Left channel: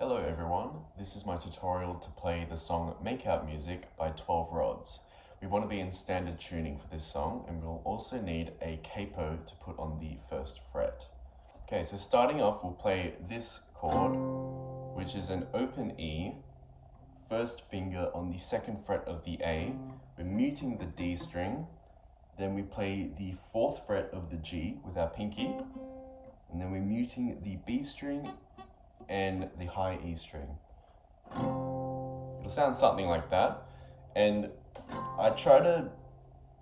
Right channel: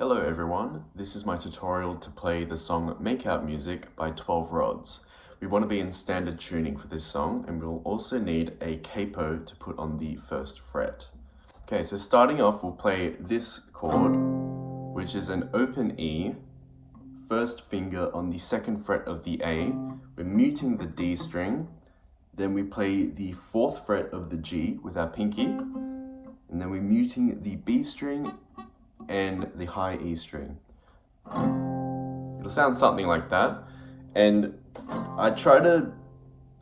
Hello everyone, this is my tutorial to play the song Makeout Music by 12 Rods. We want to be in standard tuning for this song, and we'll also need a capo to put on the first fret. Okay, so starting off we'll play this chord, which is an open E, first finger on the second fret of the A. We're muting the D string, then we play the fourth fret of the G with our pinky, and then we're muting the B string and the high E string. It'll sound something like that. And I try to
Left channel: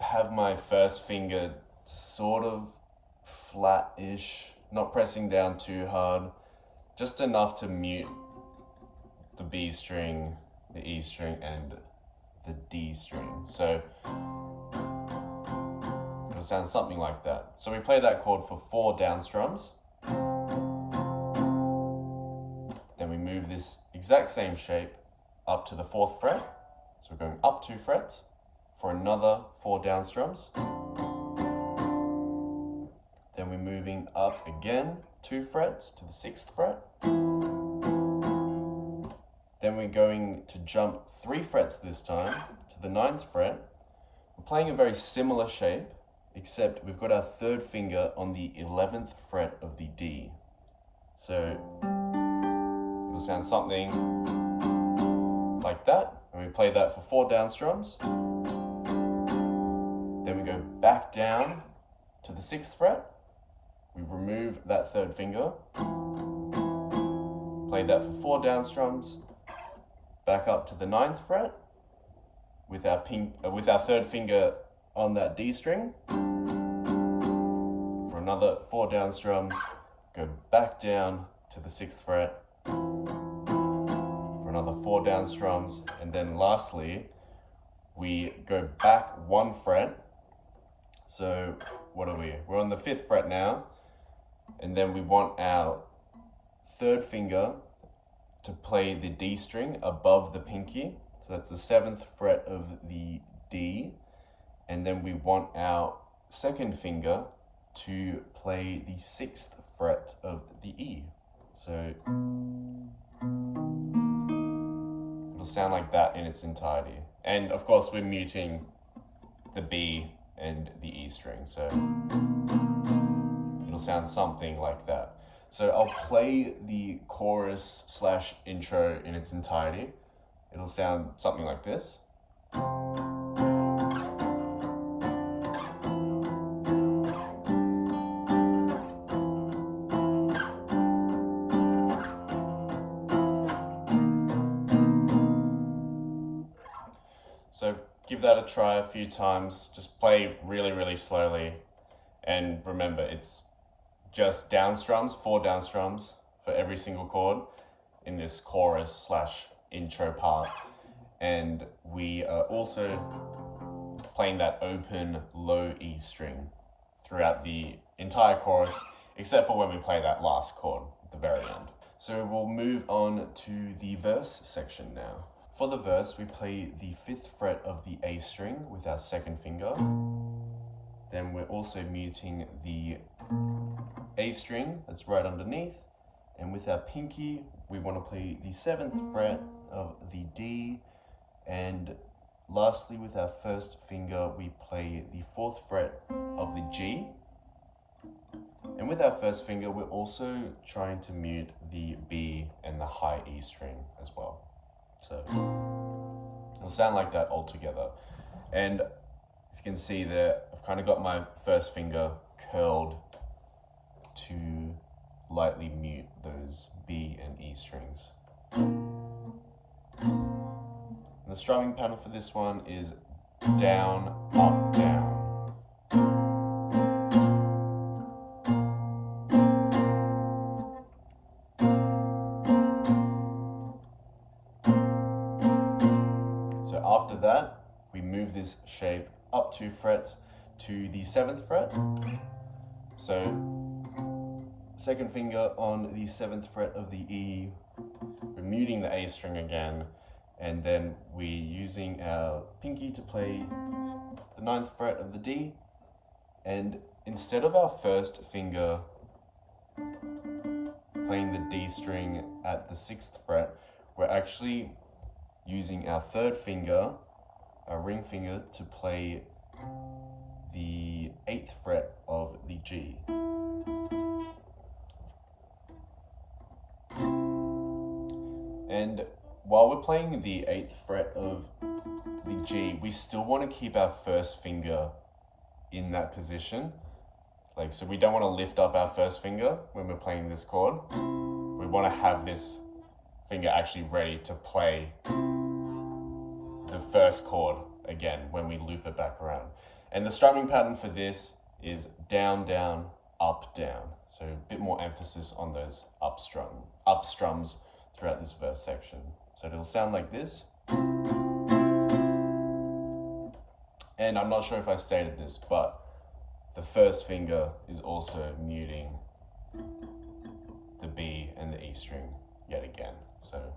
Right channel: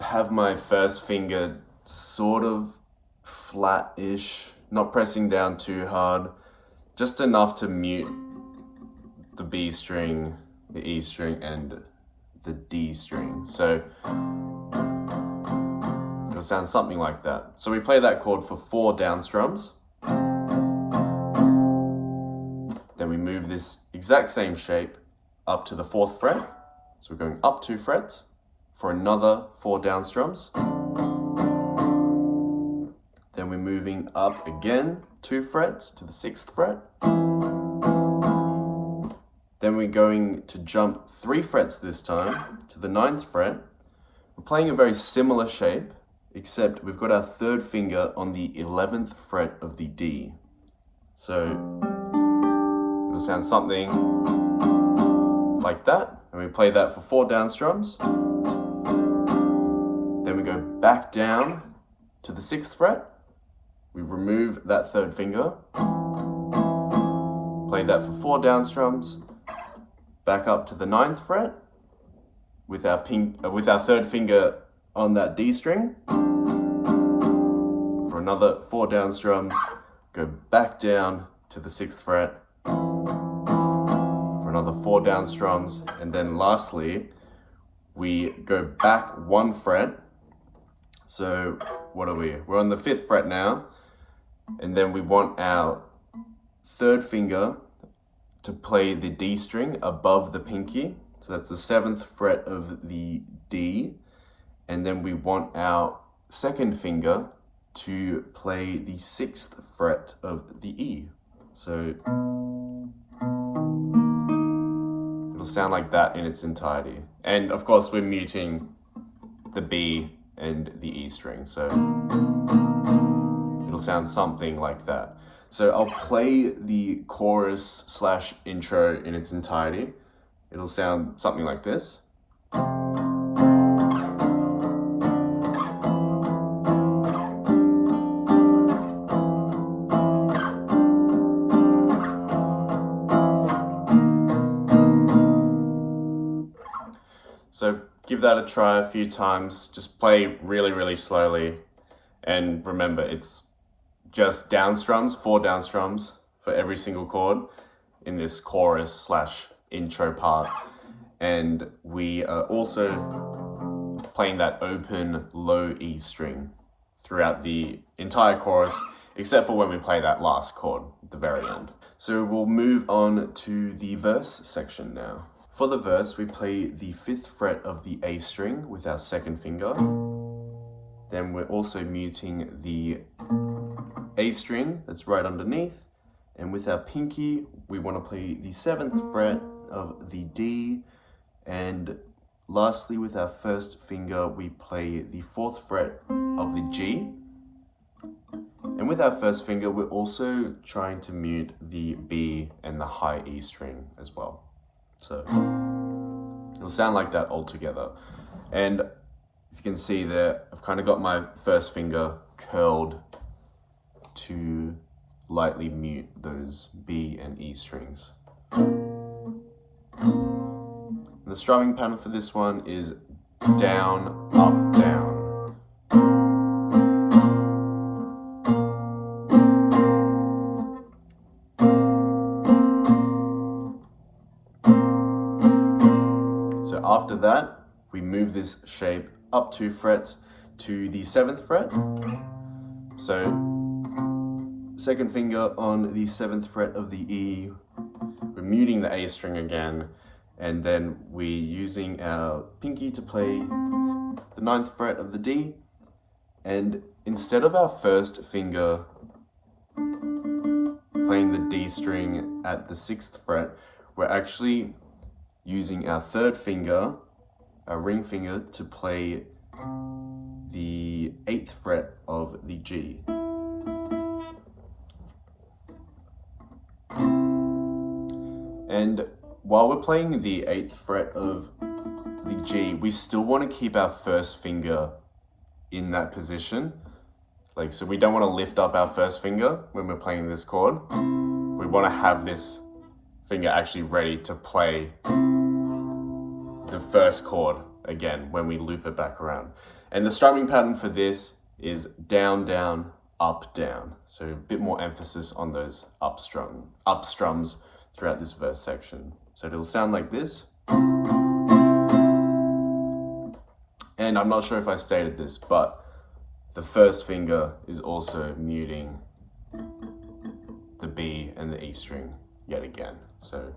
have my first finger sort of flat-ish, not pressing down too hard, just enough to mute the B string, the E string, and the D string. So it'll sound something like that. So we play that chord for 4 down strums. Then we move this exact same shape up to the 4th fret. So we're going up 2 frets for another 4 down strums. Then we're moving up again 2 frets to the 6th fret. Then we're going to jump 3 frets this time to the 9th fret. We're playing a very similar shape, except we've got our 3rd finger on the 11th fret of the D. So it'll sound something like that, and we play that for 4 down strums. Then we go back down to the 6th fret. We remove that 3rd finger, play that for 4 down strums, back up to the 9th fret with our 3rd finger on that D string for another 4 down strums, go back down to the 6th fret, another 4 down strums, and then lastly we go back 1 fret. So what are we? We're on the 5th fret now, and then we want our 3rd finger to play the D string above the pinky. So that's the 7th fret of the D, and then we want our 2nd finger to play the 6th fret of the E. So it'll sound like that in its entirety. And of course we're muting the B and the E string, so it'll sound something like that. So I'll play the chorus / intro in its entirety. It'll sound something like this. So give that a try a few times. Just play really, really slowly. And remember, it's just down strums, 4 down strums for every single chord in this chorus / intro part. And we are also playing that open low E string throughout the entire chorus, except for when we play that last chord at the very end. So we'll move on to the verse section now. For the verse, we play the 5th fret of the A string with our 2nd finger. Then we're also muting the A string that's right underneath. And with our pinky, we want to play the 7th fret of the D. And lastly, with our 1st finger, we play the 4th fret of the G. And with our 1st finger, we're also trying to mute the B and the high E string as well. So it'll sound like that all together. And if you can see there, I've kind of got my 1st finger curled to lightly mute those B and E strings. And the strumming pattern for this one is down, up, down. After that, we move this shape up 2 frets to the 7th fret. So 2nd finger on the 7th fret of the E, we're muting the A string again, and then we're using our pinky to play the 9th fret of the D, and instead of our 1st finger playing the D string at the 6th fret, we're actually using our 3rd finger, our ring finger, to play the 8th fret of the G. And while we're playing the 8th fret of the G, we still want to keep our 1st finger in that position. Like, so we don't want to lift up our 1st finger when we're playing this chord. We want to have this finger actually ready to play the 1st chord again when we loop it back around. And the strumming pattern for this is down, down, up, down. So a bit more emphasis on those up strums throughout this verse section. So it'll sound like this. And I'm not sure if I stated this, but the 1st finger is also muting the B and the E string yet again. So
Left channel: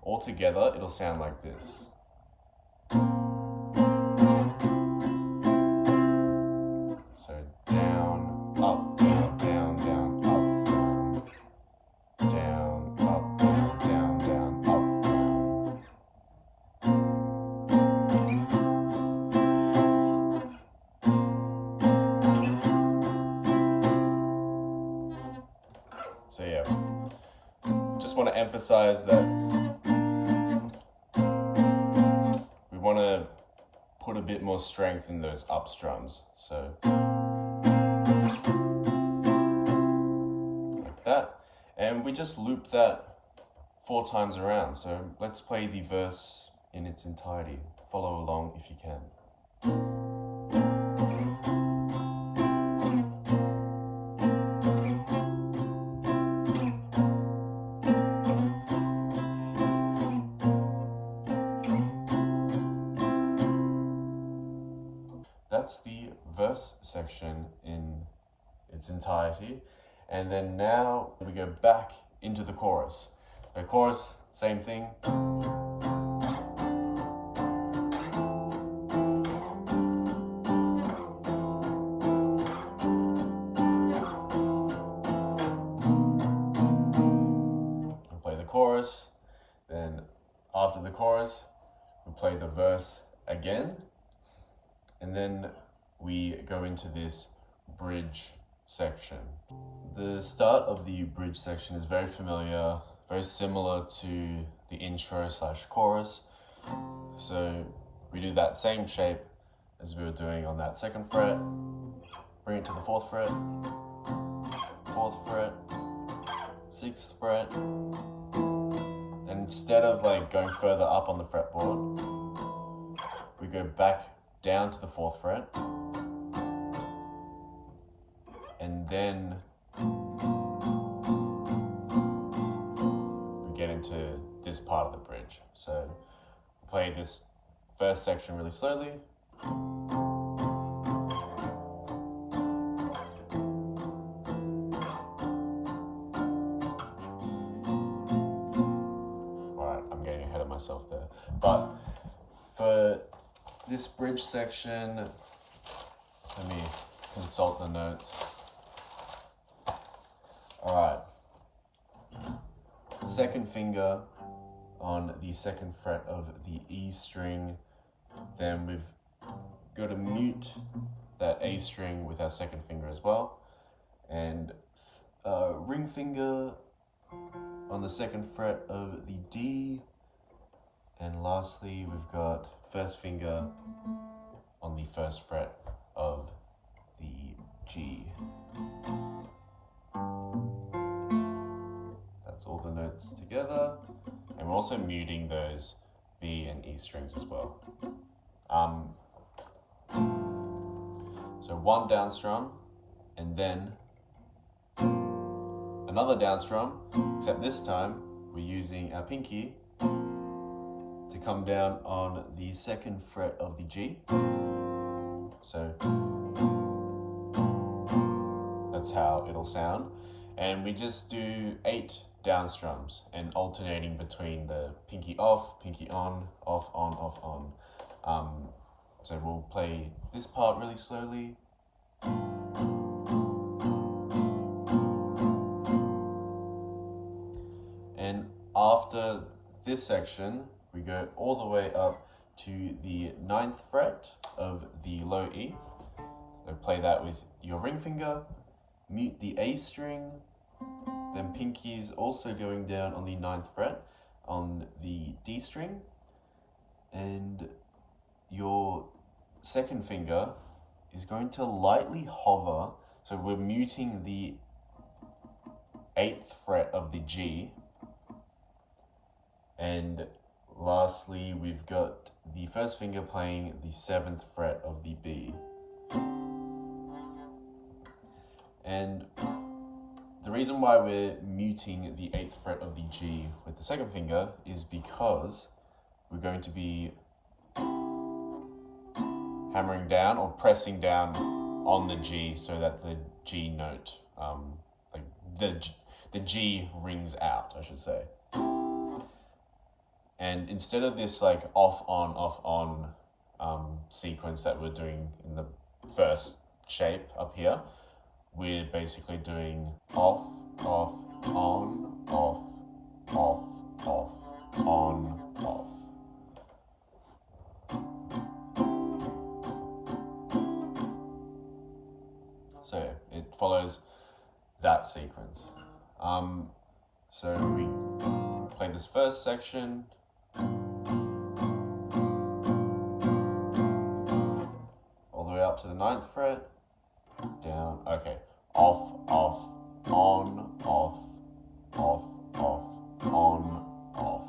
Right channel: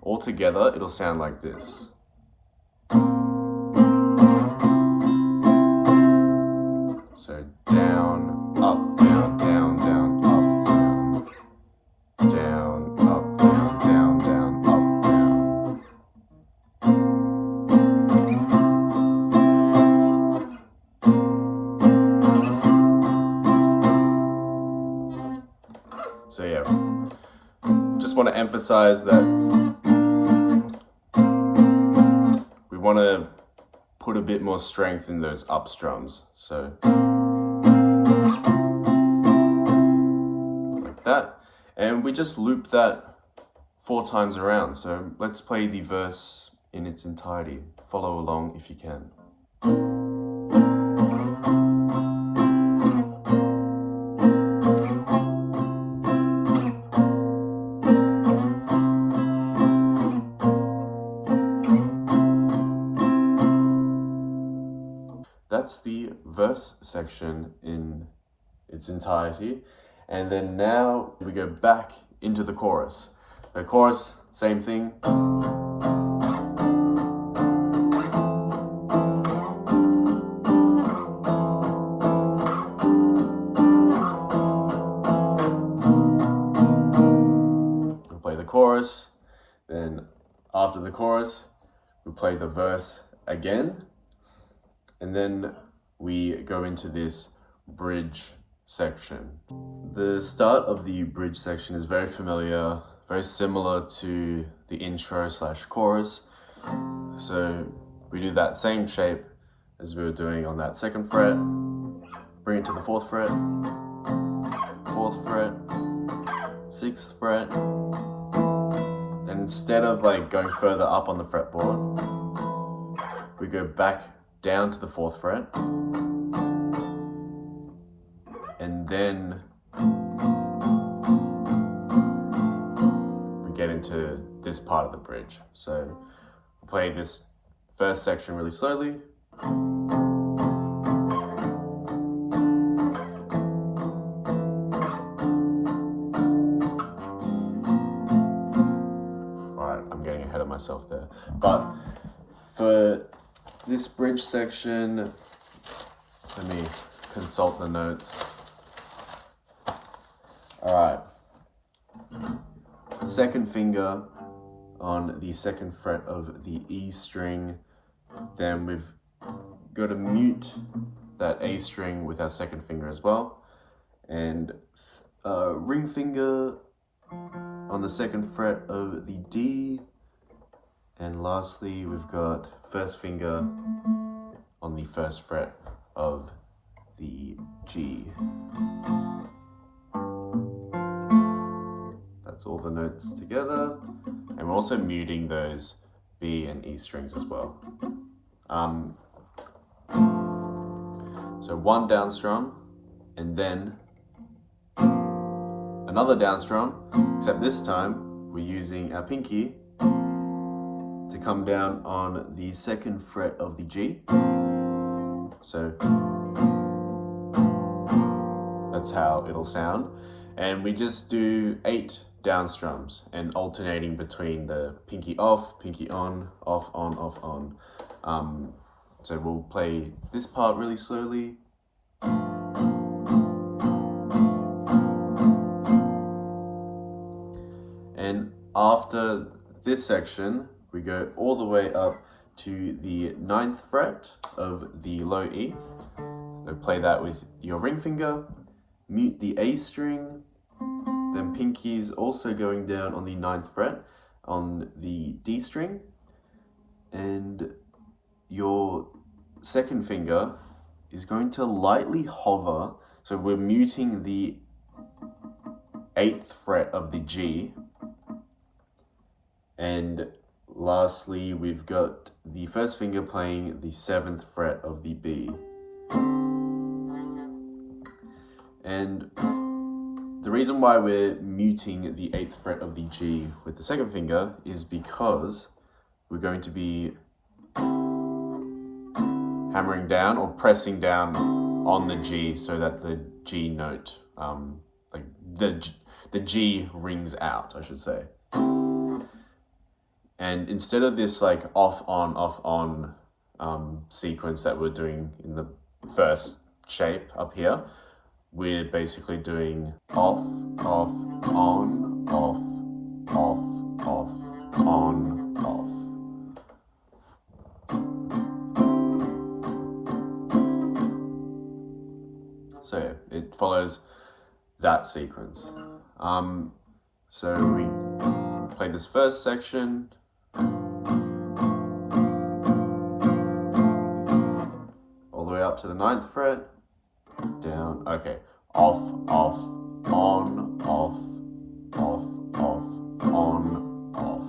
all together, it'll sound like this. So down, up, down, down, down, up, down, down, up, down, down, down, up, down. So yeah, just want to emphasize that we want to put a bit more strength in those up strums. So like that. And we just loop that 4 times around. So let's play the verse in its entirety. Follow along if you can. That's the verse section in its entirety. And then now we go back into the chorus. The chorus, same thing. We play the chorus, then after the chorus, we play the verse again. And then we go into this bridge section. The start of the bridge section is very familiar, very similar to the intro / chorus. So we do that same shape as we were doing on that 2nd fret, bring it to the 4th fret, 4th fret, 6th fret. Then instead of like going further up on the fretboard, we go back down to the 4th fret, and then we get into this part of the bridge. So we'll play this first section really slowly. Alright, I'm getting ahead of myself there. But for this bridge section, let me consult the notes. Alright. 2nd finger on the 2nd fret of the E string. Then we've got to mute that A string with our 2nd finger as well. And ring finger on the 2nd fret of the D. And lastly, we've got 1st finger on the 1st fret of the G. That's all the notes together. And we're also muting those B and E strings as well. So 1 down strum, and then another down strum, except this time we're using our pinky to come down on the 2nd fret of the G. So that's how it'll sound. And we just do 8 down strums and alternating between the pinky off, pinky on, off, on, off, on. So we'll play this part really slowly. And after this section, we go all the way up to the 9th fret of the low E. So play that with your ring finger, mute the A string, then pinky's also going down on the 9th fret on the D string, and your second finger is going to lightly hover. So we're muting the 8th fret of the G. And lastly, we've got the first finger playing the 7th fret of the B. And the reason why we're muting the 8th fret of the G with the second finger is because we're going to be hammering down or pressing down on the G so that the G note, like the G rings out, I should say. And instead of this like off on sequence that we're doing in the first shape up here, we're basically doing off, on, off, on, off. So yeah, it follows that sequence. So we play this first section. All the way up to the 9th fret. Down, okay. Off, on, off, on, off.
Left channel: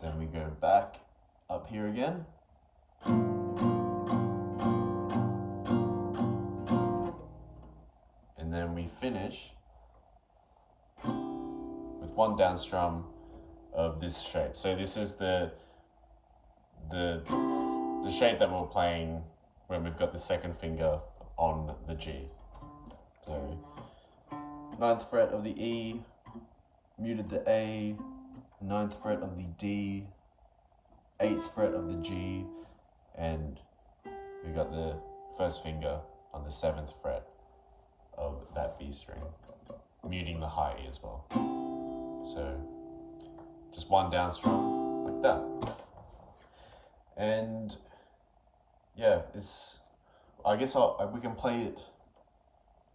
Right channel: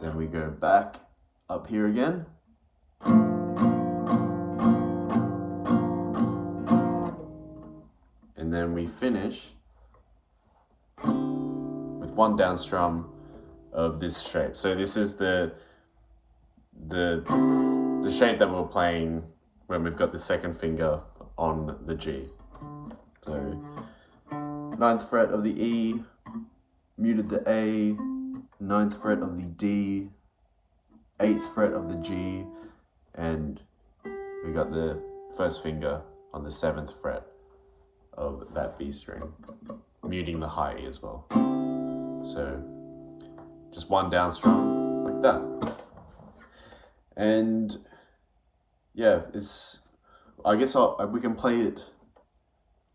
Then we go back up here again. And then we finish with one down strum of this shape. So this is the shape that we're playing when we've got the second finger on the G. So 9th fret of the E, muted the A, 9th fret of the D, 8th fret of the G, and we got the first finger on the 7th fret of that B string, muting the high E as well. So just one down strum like that. And yeah, I guess we can play it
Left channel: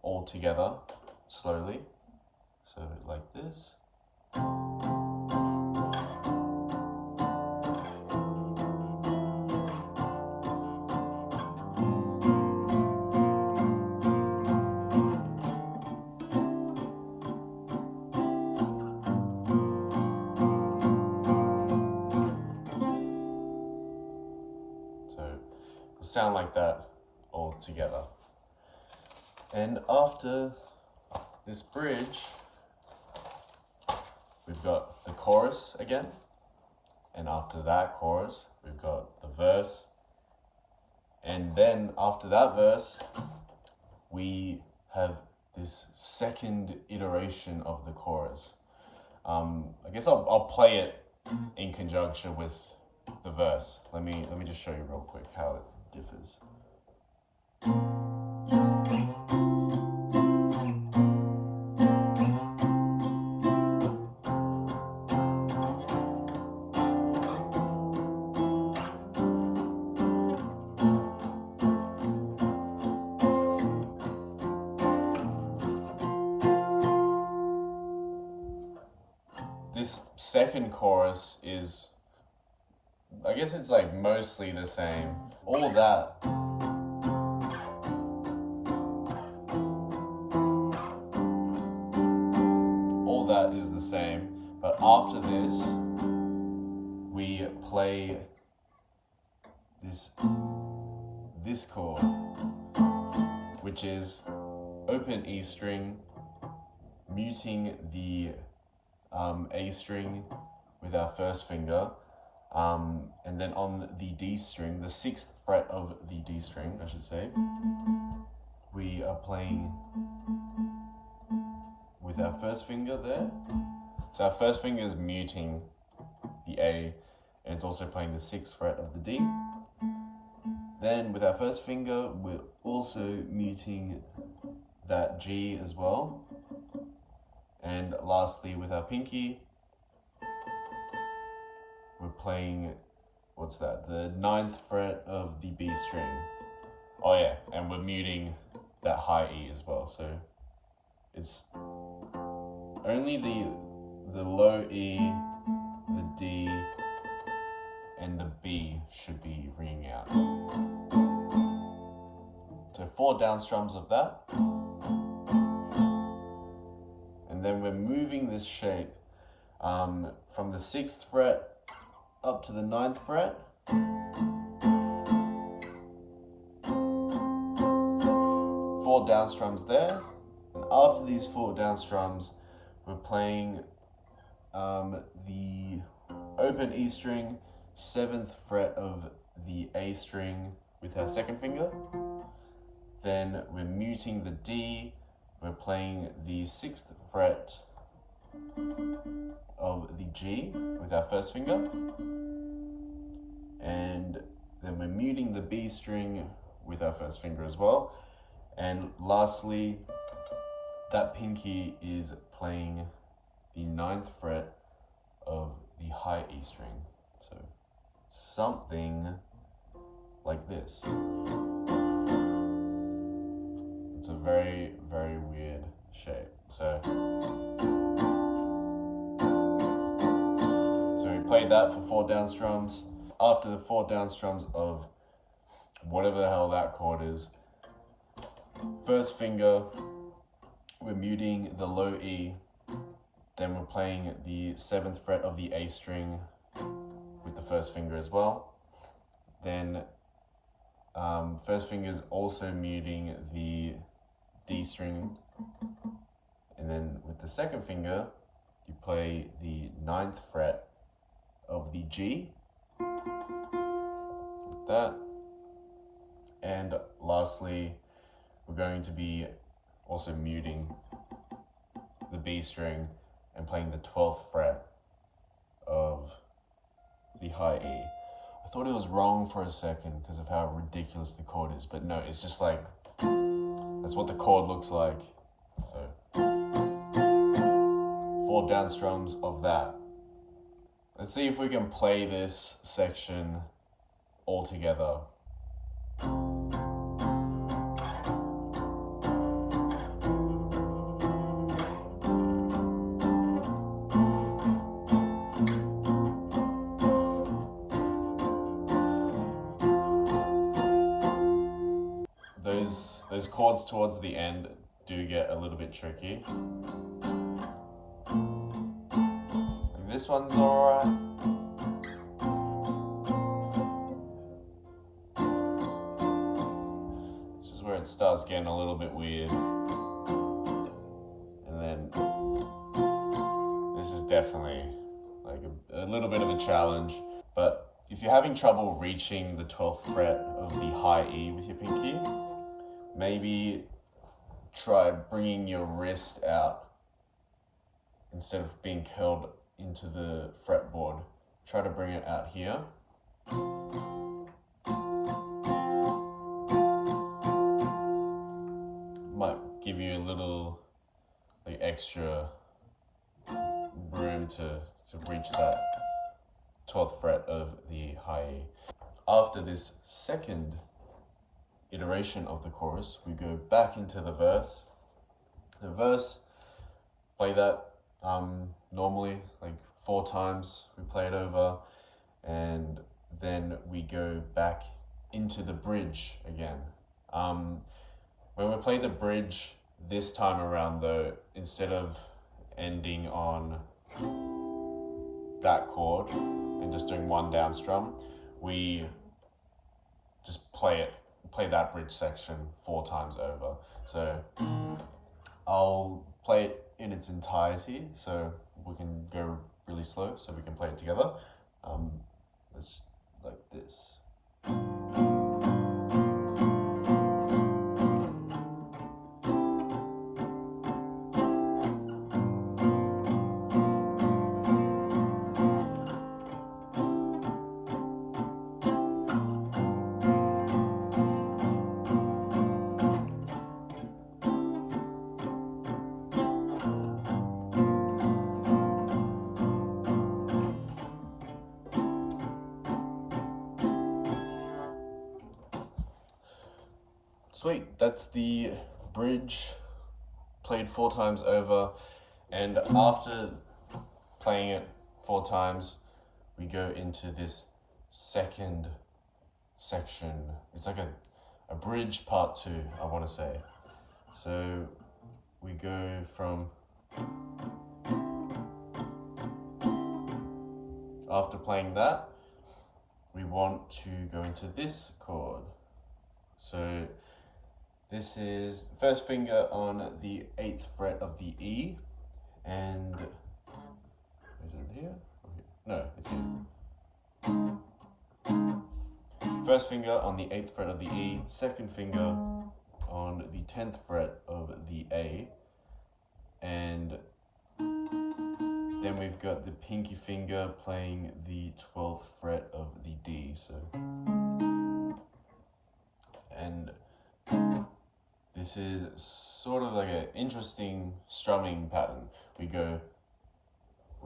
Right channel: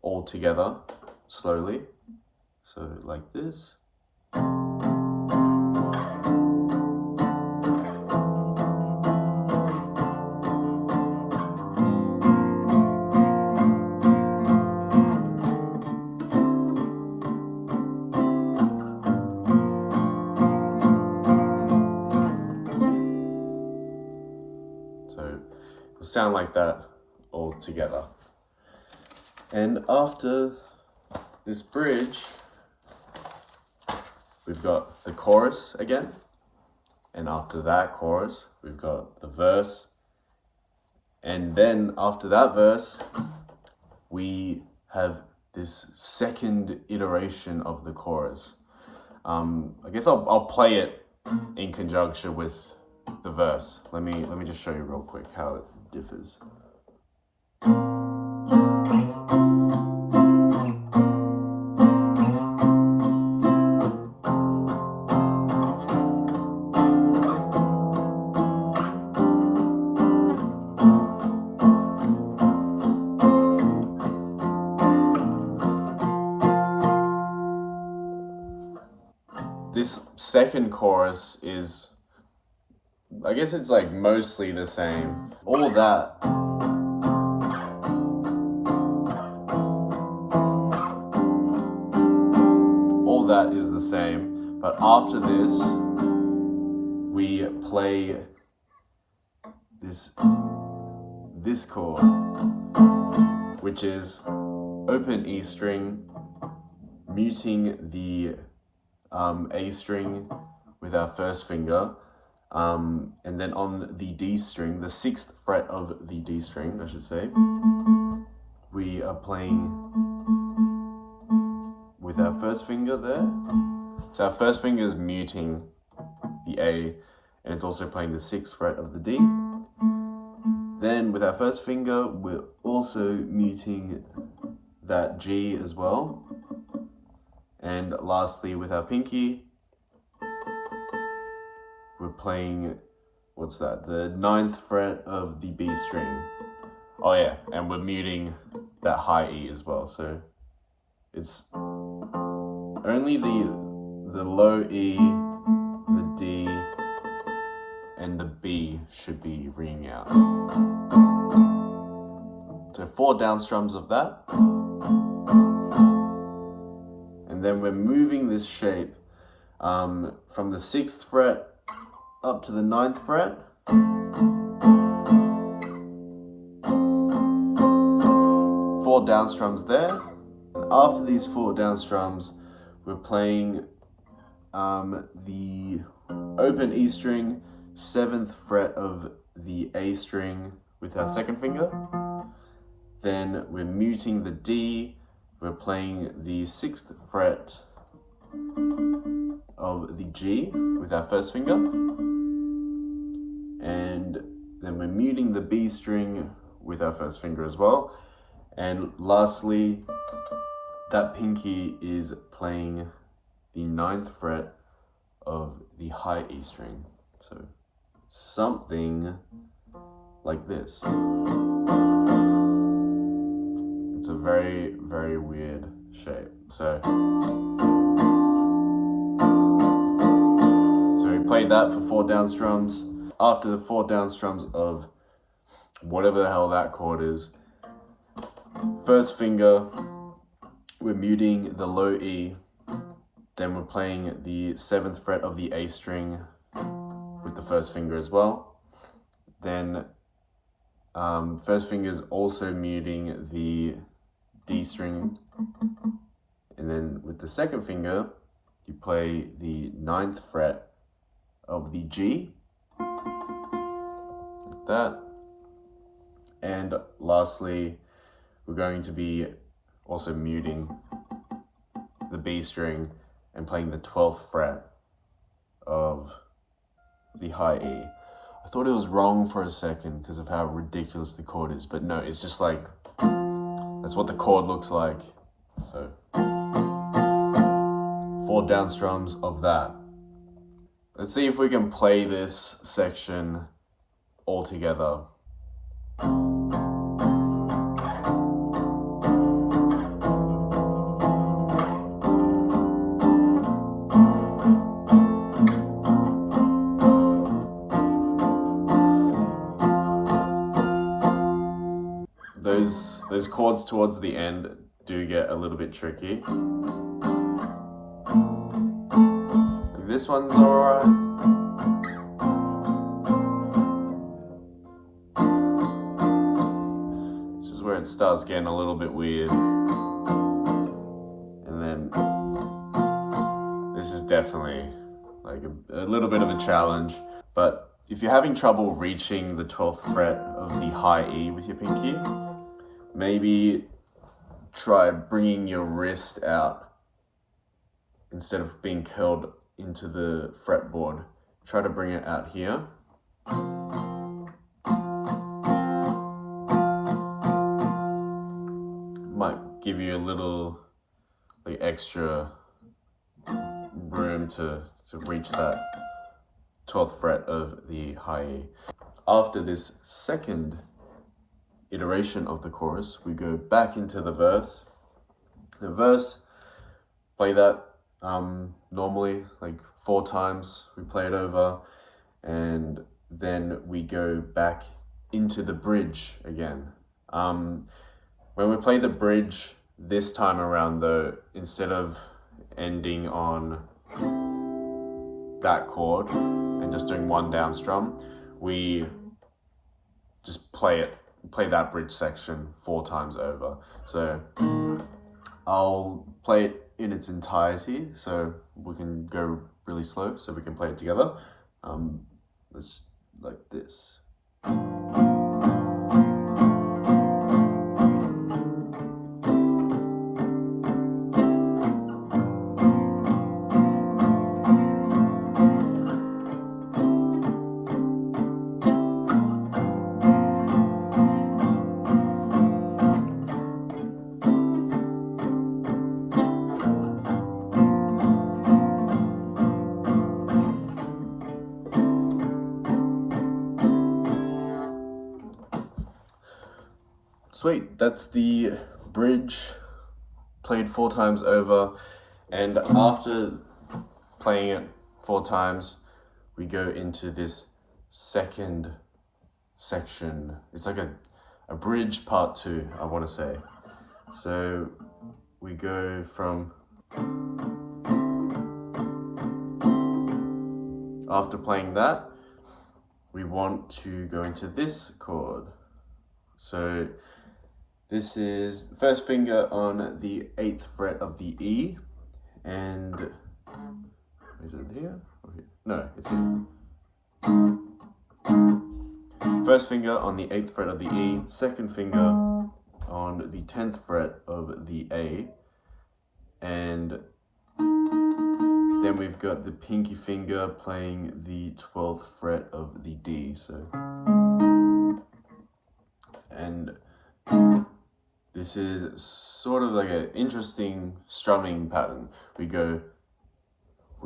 all together slowly. So like this. So it'll sound like that all together. And after this bridge, we've got the chorus again. And after that chorus, we've got the verse. And then after that verse, we have this second iteration of the chorus. I guess I'll play it in conjunction with the verse. Let me just show you real quick how it differs. This second chorus is, I guess it's like mostly the same. All that is the same, but after this, we play this chord, which is open E string, muting the A string with our first finger, and then on the D string, the 6th fret of the D string, I should say, we are playing with our first finger there. So our first finger is muting the A, and it's also playing the 6th fret of the D. Then with our first finger, we're also muting that G as well. And lastly, with our pinky, we're playing, what's that? The 9th fret of the B string. Oh yeah, and we're muting that high E as well. So it's only the low E, the D, and the B should be ringing out. So 4 down strums of that. And then we're moving this shape from the 6th fret up to the 9th fret. 4 down strums there. And after these 4 down strums, we're playing the open E string, 7th fret of the A string with our 2nd finger. Then we're muting the D, we're playing the 6th fret of the G with our 1st finger. And then we're muting the B string with our 1st finger as well. And lastly, that pinky is playing the 9th fret of the high E string. So something like this. It's a very, very weird shape. So we played that for 4 down strums. After the 4 down strums of whatever the hell that chord is, 1st finger, we're muting the low E, then we're playing the 7th fret of the A string with the 1st finger as well. Then 1st finger is also muting the D string, and then with the 2nd finger, you play the 9th fret of the G, like that. And lastly, we're going to be also muting the B string and playing the 12th fret of the high E. I thought it was wrong for a second because of how ridiculous the chord is, but no, it's just like, that's what the chord looks like. So 4 down strums of that. Let's see if we can play this section all together. Those chords towards the end do get a little bit tricky. Like this one's alright. This is where it starts getting a little bit weird. And then this is definitely like a little bit of a challenge. But if you're having trouble reaching the 12th fret of the high E with your pinky, maybe try bringing your wrist out instead of being curled into the fretboard. Try to bring it out here. Might give you a little like extra room to reach that 12th fret of the high E. After this second iteration of the chorus, we go back into the verse. The verse, play that normally, like 4 times. We play it over, and then we go back into the bridge again. When we play the bridge this time around though, instead of ending on that chord and just doing 1 down strum, we just play that bridge section 4 times over. So I'll play it in its entirety so we can go really slow so we can play it together. Let's like this. Sweet, that's the bridge played 4 times over, and after playing it 4 times, we go into this second section. It's like a bridge part 2, I want to say. So we go from, after playing that, we want to go into this chord. So this is the first finger on the 8th fret of the E, and is it here? No, it's here. First finger on the 8th fret of the E, second finger on the 10th fret of the A, and then we've got the pinky finger playing the 12th fret of the D. So, and this is sort of like an interesting strumming pattern. We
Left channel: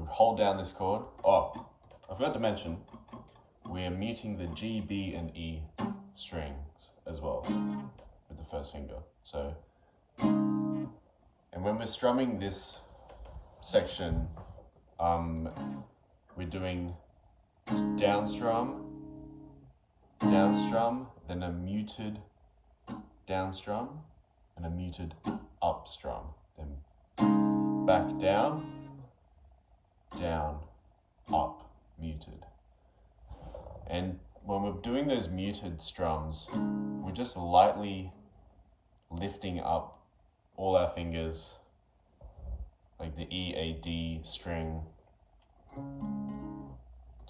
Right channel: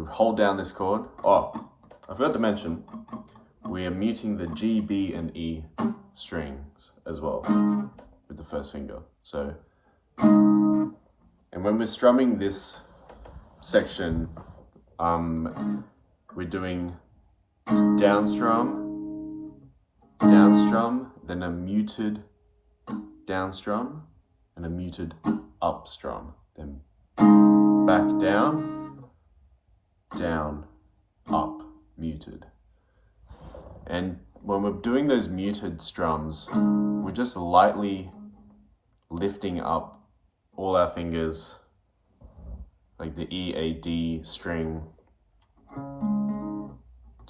hold down this chord. Oh, I forgot to mention, we are muting the G, B, and E strings as well with the first finger. So, and when we're strumming this section, we're doing down strum, then a muted down strum, and a muted up strum, then back down, up, muted. And when we're doing those muted strums, we're just lightly lifting up all our fingers, like the E, A, D string.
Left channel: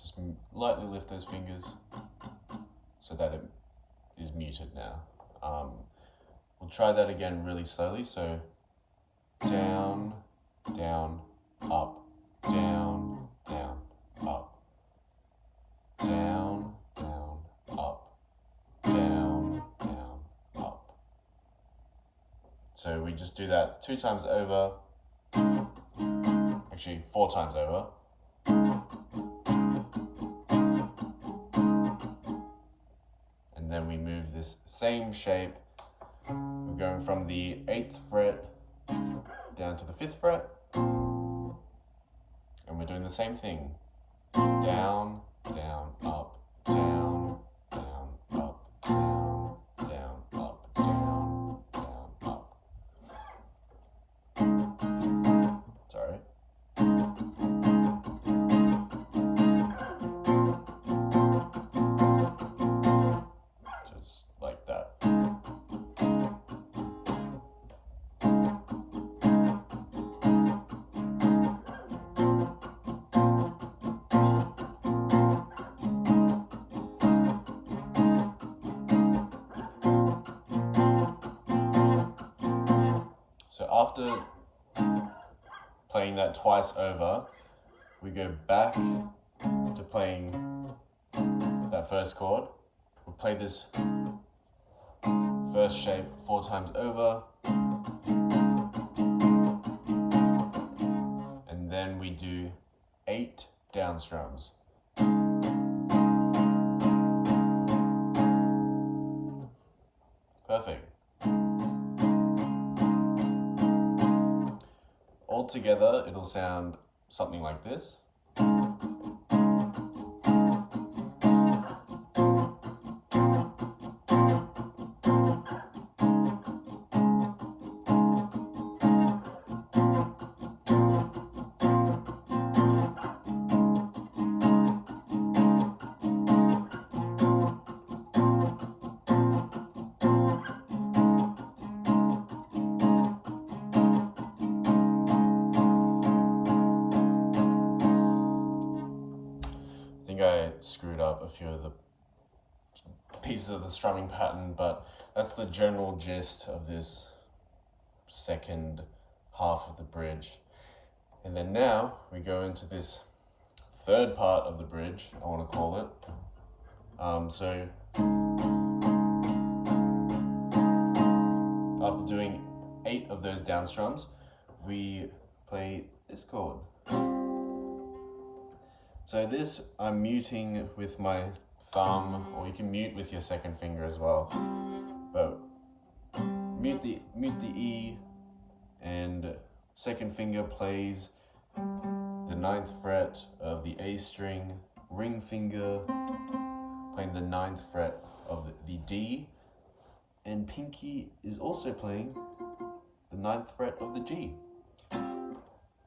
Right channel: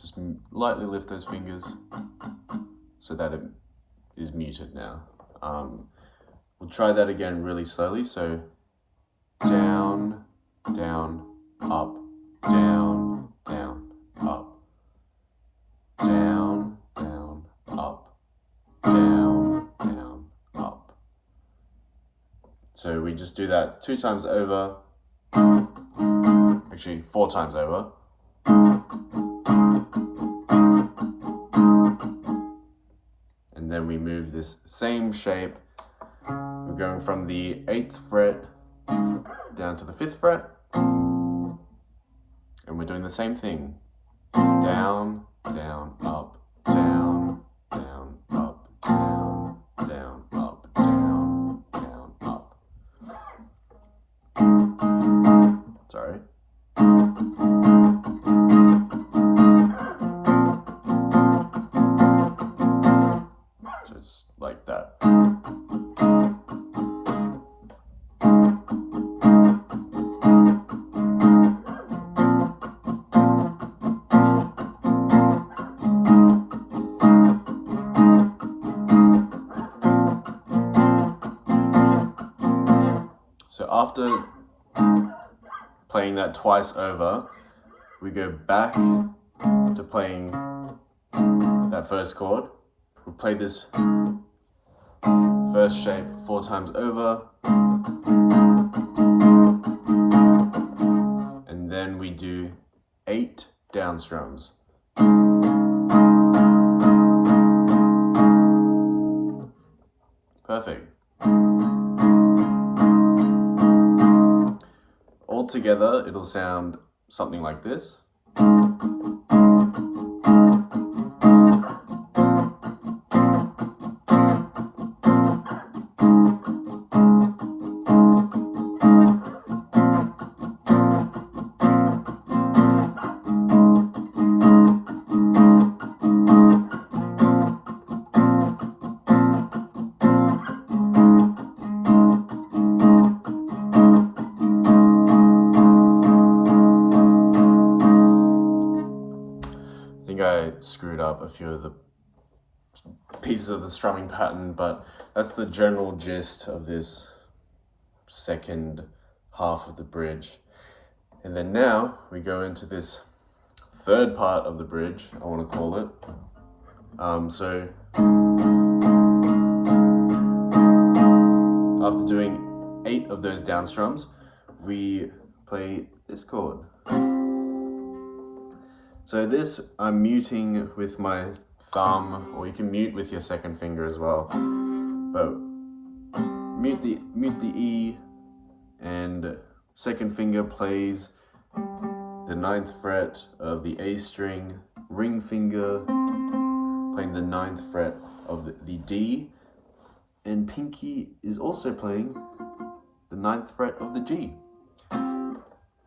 Just lightly lift those fingers so that it is muted now. We'll try that again really slowly. So down, down, up, down, down, up, down, down, up, down, down, up. So we just do that 2 times over, actually 4 times over. And then we move this same shape. We're going from the 8th fret down to the 5th fret. And we're doing the same thing. Down, down, up, down, down, up, down, down, up, down, down, up. Sorry. So it's like that. So after playing that twice over, we go back to playing that first chord. We'll play this first shape 4 times over, and then we do 8 down strums. Perfect. All together, it'll sound something like this. I screwed up a few of the pieces of the strumming pattern, but that's the general gist of this second half of the bridge. And then now we go into this third part of the bridge, I want to call it. So after doing 8 of those down strums, we play this chord. So this I'm muting with my thumb, or you can mute with your second finger as well. But mute the E, and second finger plays the 9th fret of the A string, ring finger playing the 9th fret of the D, and pinky is also playing the 9th fret of the G.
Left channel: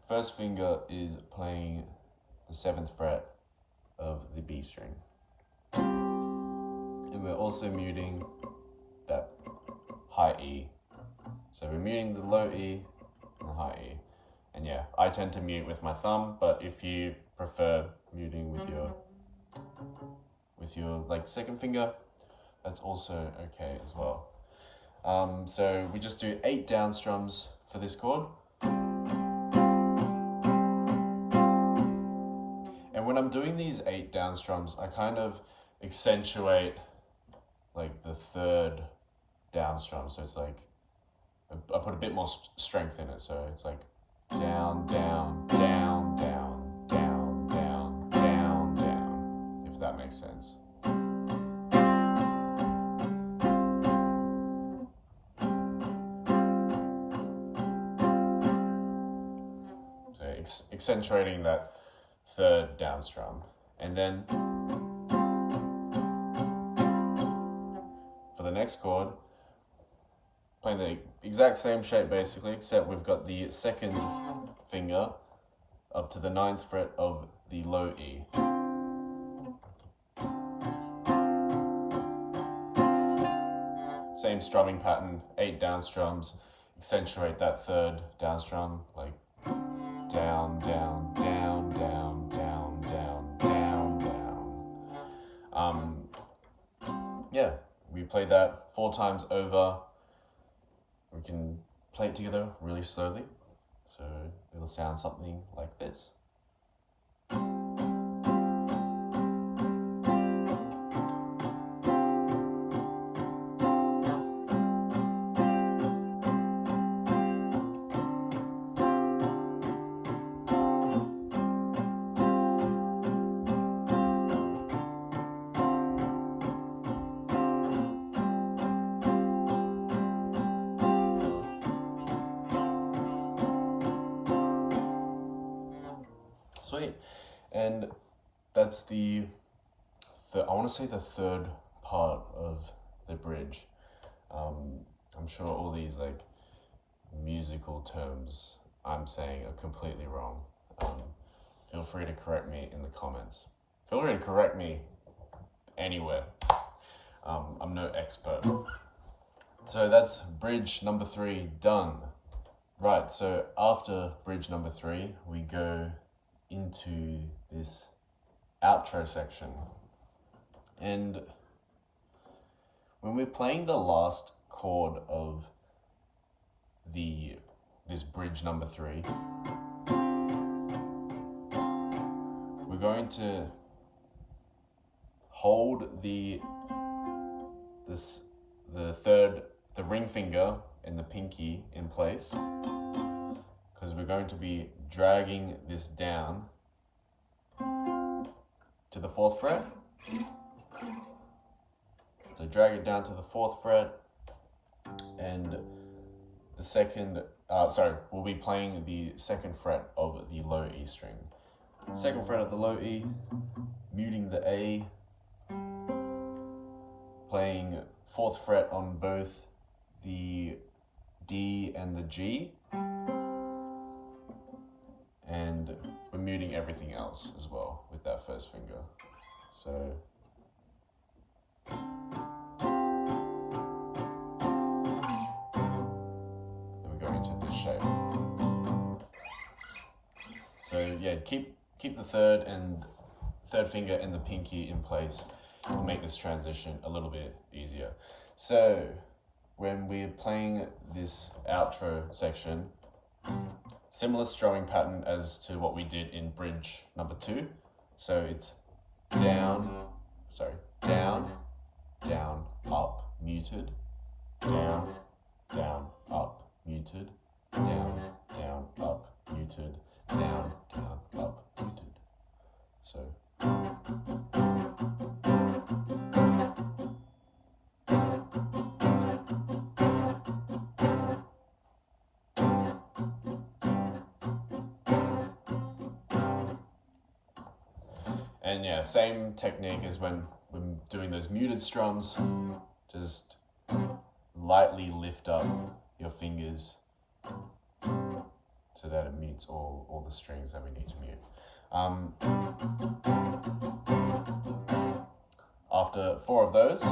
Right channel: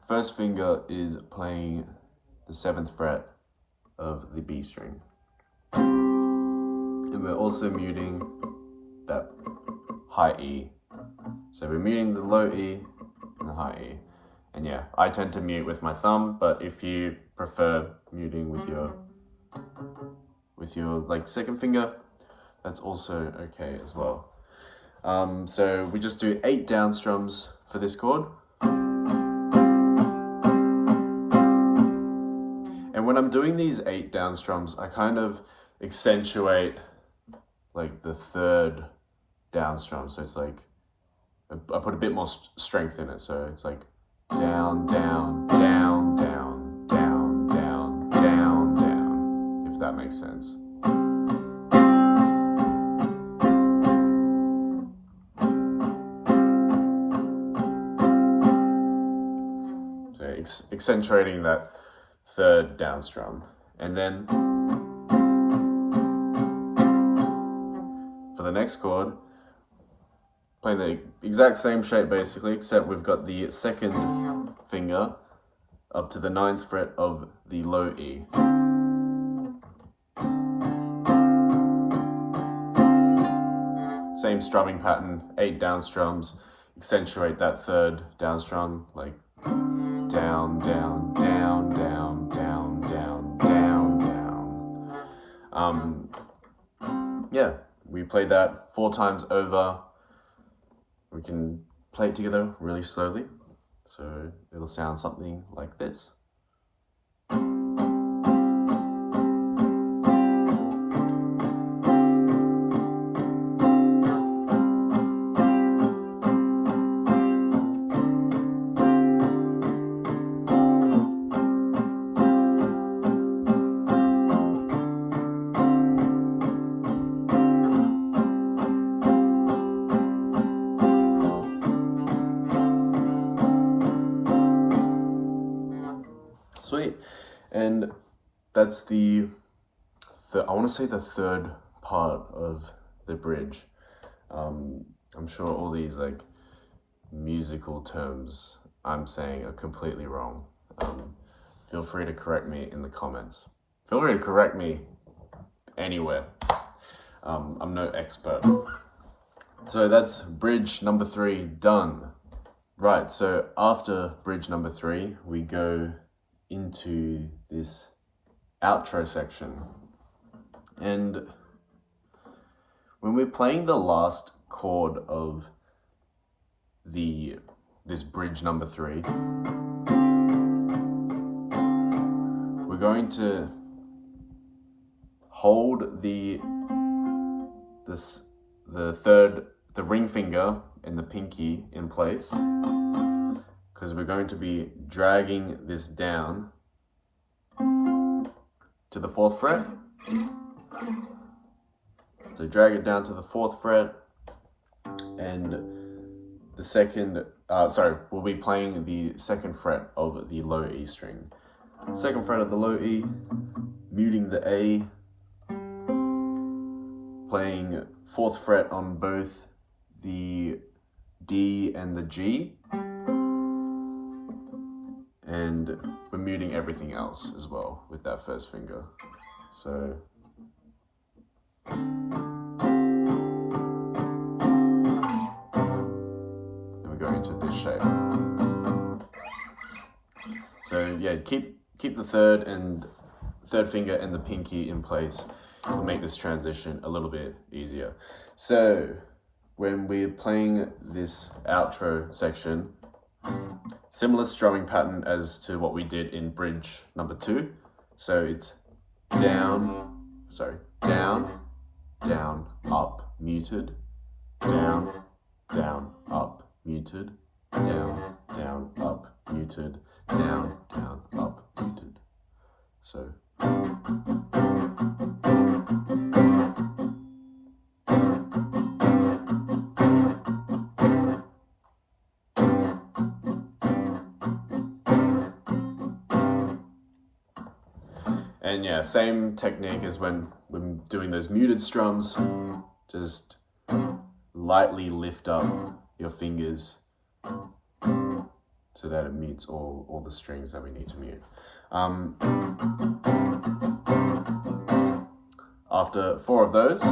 First finger is playing the 7th fret of the B string. And we're also muting that high E. So we're muting the low E and the high E. And yeah, I tend to mute with my thumb, but if you prefer muting with your like second finger, that's also okay as well. So we just do 8 down strums for this chord. And when I'm doing these 8 down strums, I kind of accentuate like the 3rd down strum. So it's like, I put a bit more strength in it. So it's like down, down, down, down, down, down, down, down, if that makes sense. So accentuating that 3rd down strum. And then for the next chord, playing the exact same shape basically, except we've got the 2nd finger up to the 9th fret of the low E. Same strumming pattern, 8 down strums, accentuate that 3rd down strum, like down, down, down, down, down, down, down, down. Yeah, we play that 4 times over. We can play it together really slowly, so it'll sound something like this. Sweet. And that's I want to say the 3rd part of the bridge. I'm sure all these like musical terms I'm saying are completely wrong. Feel free to correct me in the comments. Feel free to correct me anywhere. I'm no expert. So that's bridge number 3 done. Right, so after bridge number 3, we go into this outro section. And when we're playing the last chord of this bridge number 3, we're going to hold the ring finger and the pinky in place, because we're going to be dragging this down to the 4th fret. So drag it down to the 4th fret, and the second, we'll be playing the 2nd fret of the low E string. 2nd fret of the low E, muting the A, playing 4th fret on both the D and the G, and we're muting everything else as well with that first finger. So then we're going into this shape. So yeah, keep the 3rd finger and the pinky in place. It'll make this transition a little bit easier. So when we're playing this outro section, similar strumming pattern as to what we did in bridge number 2. So it's down, down, down, up, muted, down, down, up, muted, down, down, up, muted, down, down, up, muted. So And yeah, same technique as when we're doing those muted strums. Just lightly lift up your fingers so that it mutes all the strings that we need to mute. After 4 of those,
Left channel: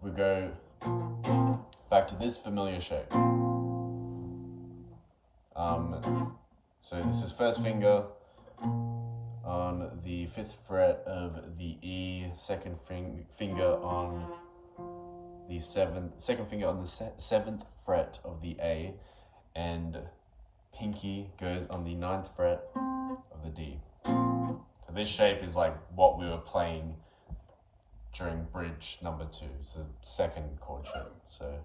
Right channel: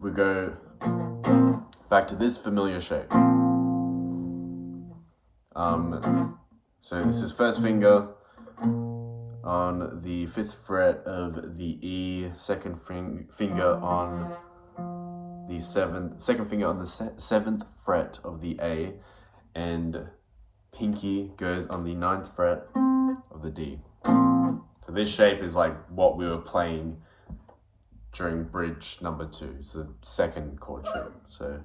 we go back to this familiar shape. So this is first finger on the 5th fret of the E, second finger on the second finger on the 7th fret of the A, and pinky goes on the 9th fret of the D. So this shape is like what we were playing during bridge number 2. It's the second chord shape. So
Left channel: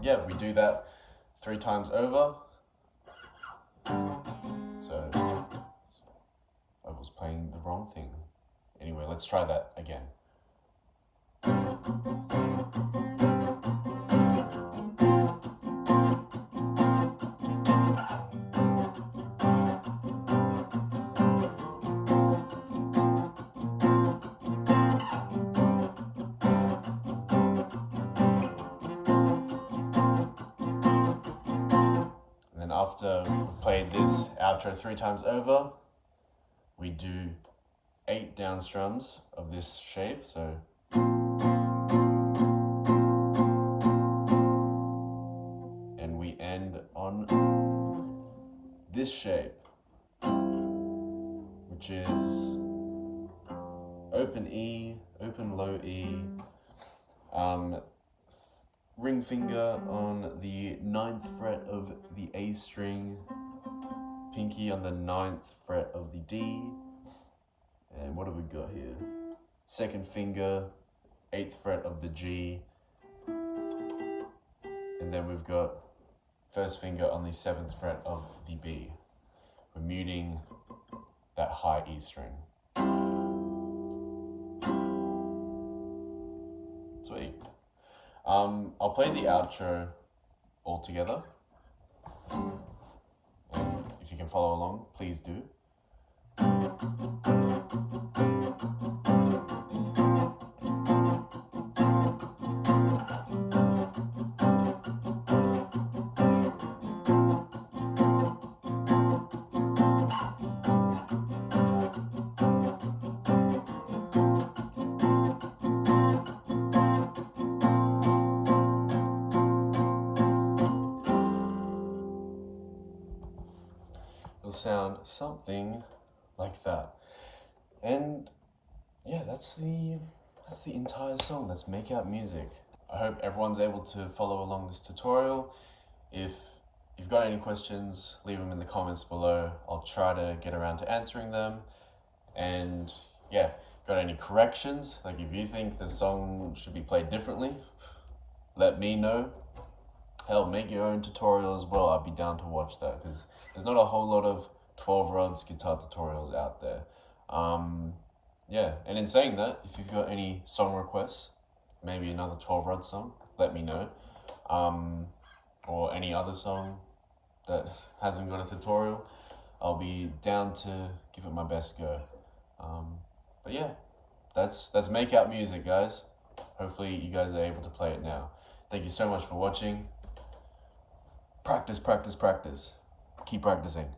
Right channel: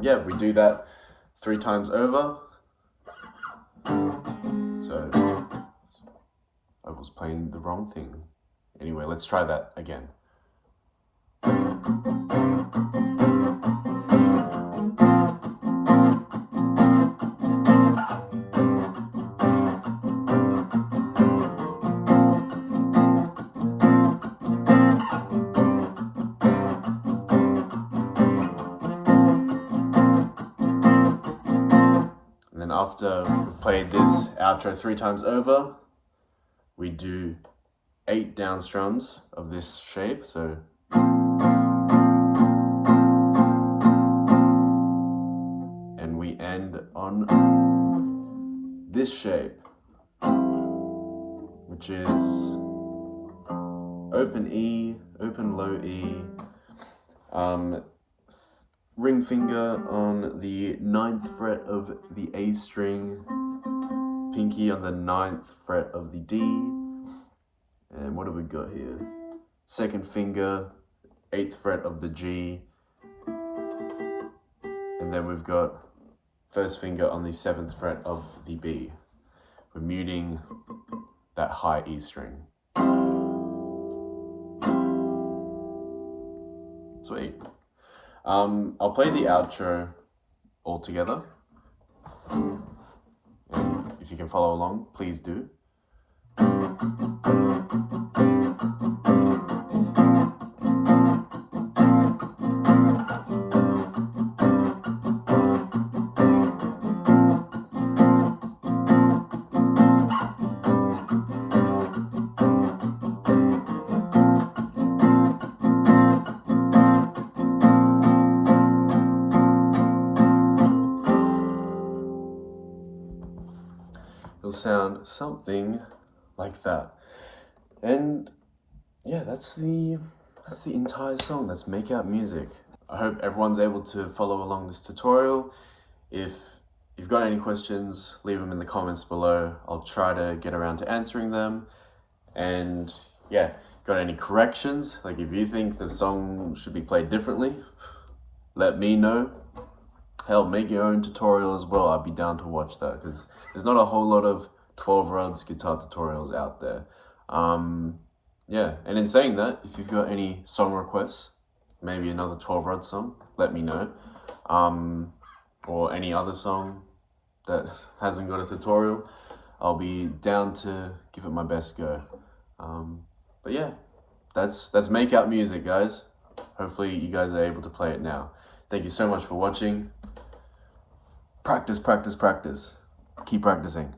yeah, we do that 3 times over. So I was playing the wrong thing. Anyway, let's try that again. After we've played this outro 3 times over, we do 8 down strums of this shape. So and we end on this shape, which is open E, open low E, ring finger on the 9th fret of the A string, pinky on the 9th fret of the D, and what have we got here? Second finger, 8th fret of the G, and then we've got first finger on the 7th fret of the B. We're muting that high E string. Sweet. I'll play the outro all together, and if you can follow along, please do. It'll sound something like that. And yeah, that's the entire song. That's Make Out Music. I hope everyone's able to follow along this tutorial. If you've got any questions, leave them in the comments below. I'll try to get around to answering them. And yeah, got any corrections? Like if you think the song should be played differently, let me know. Hell, make your own tutorial as well. I'd be down to watch that, because there's not a whole lot of 12 rods guitar tutorials out there. Yeah, and in saying that, if you've got any song requests, maybe another 12 rod song, let me know. Or any other song that hasn't got a tutorial, I'll be down to give it my best go. But yeah, that's Make Out Music, guys. Hopefully you guys are able to play it now. Thank you so much for watching. Practice, practice, practice. Keep practicing.